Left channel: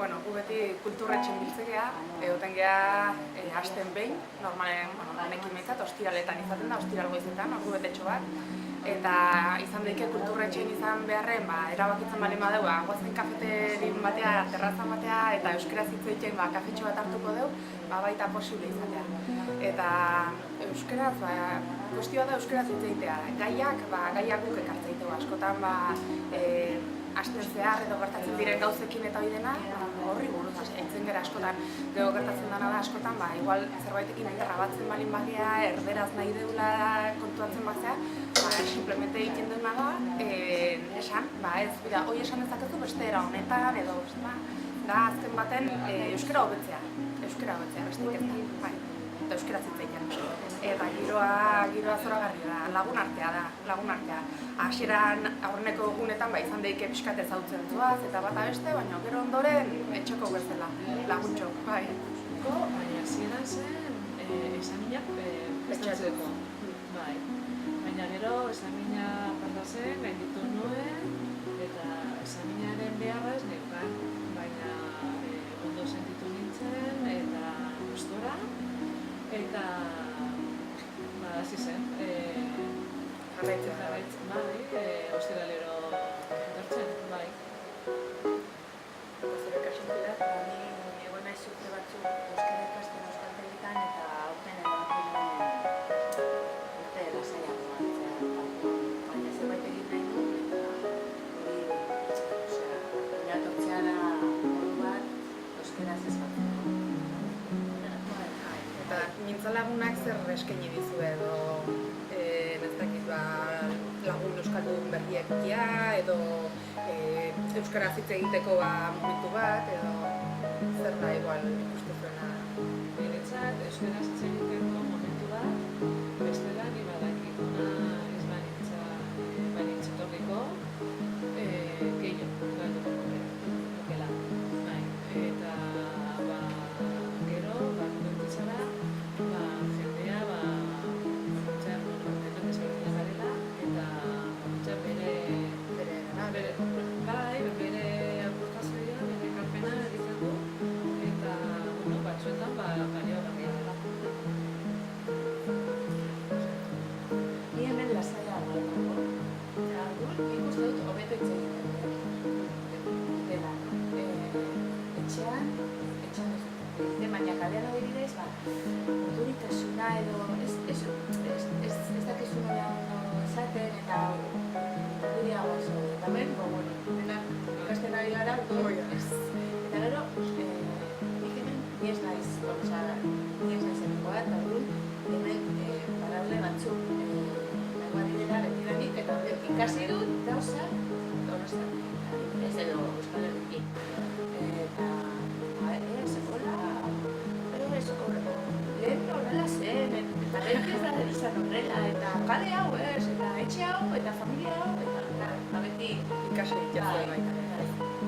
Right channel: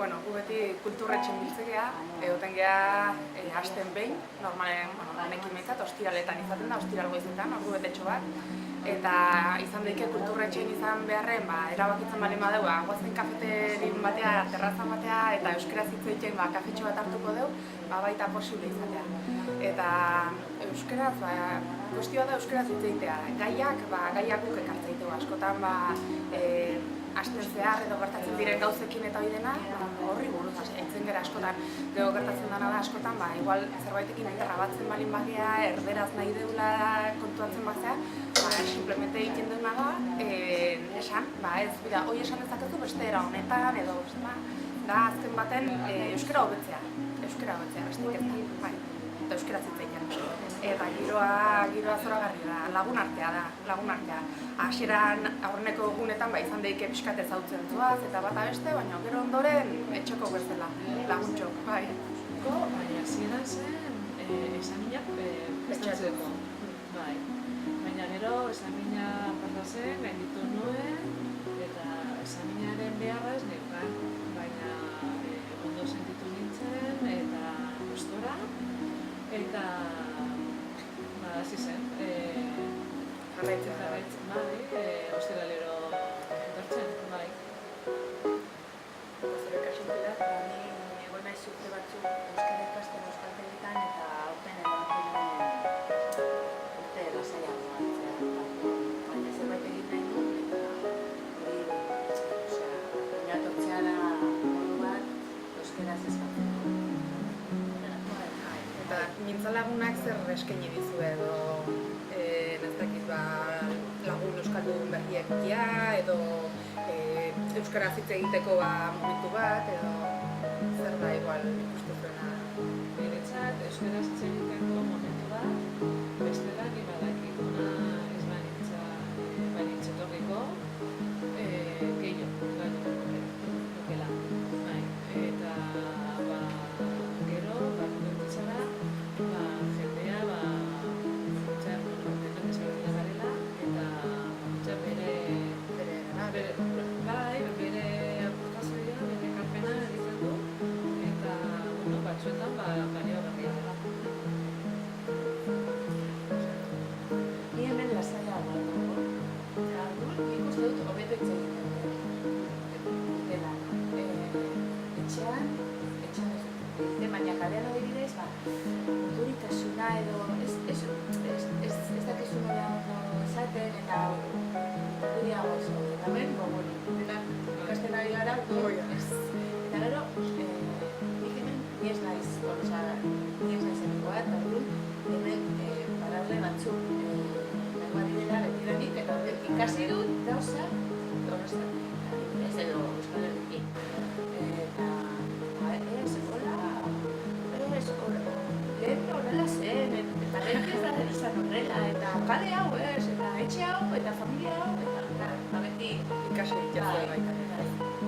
Bueno, gu beti kulturretxen biltzekea, egoten geha hasten behin, normalen, honekin behintzat, ostiraletan izaten da, ostiral goizetan, ordu betetxo bat. Eta izan daike kulturretxen izan beharren, erabakitzen bali badeu, goazen kafeterin batea, terrazan batea, eta euskaraz hitz egiten kafetxo bat hartuko deu, baita posible izatea. Eta euskaraz, kuestioa da euskaraz hitz egitea. Gaiak guk ekartzaiteu askotan, hasten zehar edo gertatzen diren gauzekin eta hori dena, horri buruz eitzen gara askotan. Gero gertatzen dena da askotan, igual zerbaitekin errabatzen balin bagea, erderaz nahi deula kontuatzen bazea, simplemente egiten duena da, esan, ez, hoi esan dezakezu beste era honetan, edo, da azken baten euskara hobetzea, besteik ez da, eta euskaraz hitz egiten. Eta giroa zoragarria da, lagun artea. Hasieran aurreneko egunetan izan daike pixkat ezautzen zuaz eta bata beste, baina gero ondoren etxeko bezala, laguntxok, bai. Baina hasieran zen esaminak prestatzeko, bai. Baina gero esamina falta zen, gainditu nuen, eta esaminaren beharra ez neukan, baina ondo sentitu nintzen, eta gustora, eta hasi zen. Jarraitzen, bai, ostiralero etortzen, bai. Eta zure kasun Pilar, ni egon naiz urte batzuk euskara ikasten euskaltegitan eta aurten erabaki urte lasaiago hartzea. Baina zerbait egin nahi nuen eta hori, oinatortzea da modu bat euskaraz eskatzeko. Eta mintzalagunak zer eskaini dizu edo lagun euskaldun berriekia edo euskaraz hitz egiteko momentu bat edo zer da igual ikustu zuena? Niretzat euskaraz hitz egiteko momentu bat, bestela ni badakit ona ez banitz etorriko gehiago galduko nukela. Eta gero, kontitzara, jendea bakoitzak ezberdina garela eta bakoitzak bere aportazioa, bere ekarpena egiten du eta batzuetan baliogarria dela. Ni hemen lasaiago dago. Nik uste dut hobeto hitz egiten dutela. Etxean baina kalean adibidez, urduritasuna edo ez dakizu nola ondo esaten eta urduriago zaude. Eta hemen, denak ikasten ari gara, eta gero, nik hemen ni ez naiz emengoa, eta hemen badaude batzuk nagoa direla betidanik, eta ikasi dut gauzak Donostiatik, adibidez, edo Euskal Herritik. Eta lehen horrela zen, eta beti ez da izan horrela, eta kale hau ez, eta etxe hau, eta familia hau, eta beti Ikasi itxatzea baita.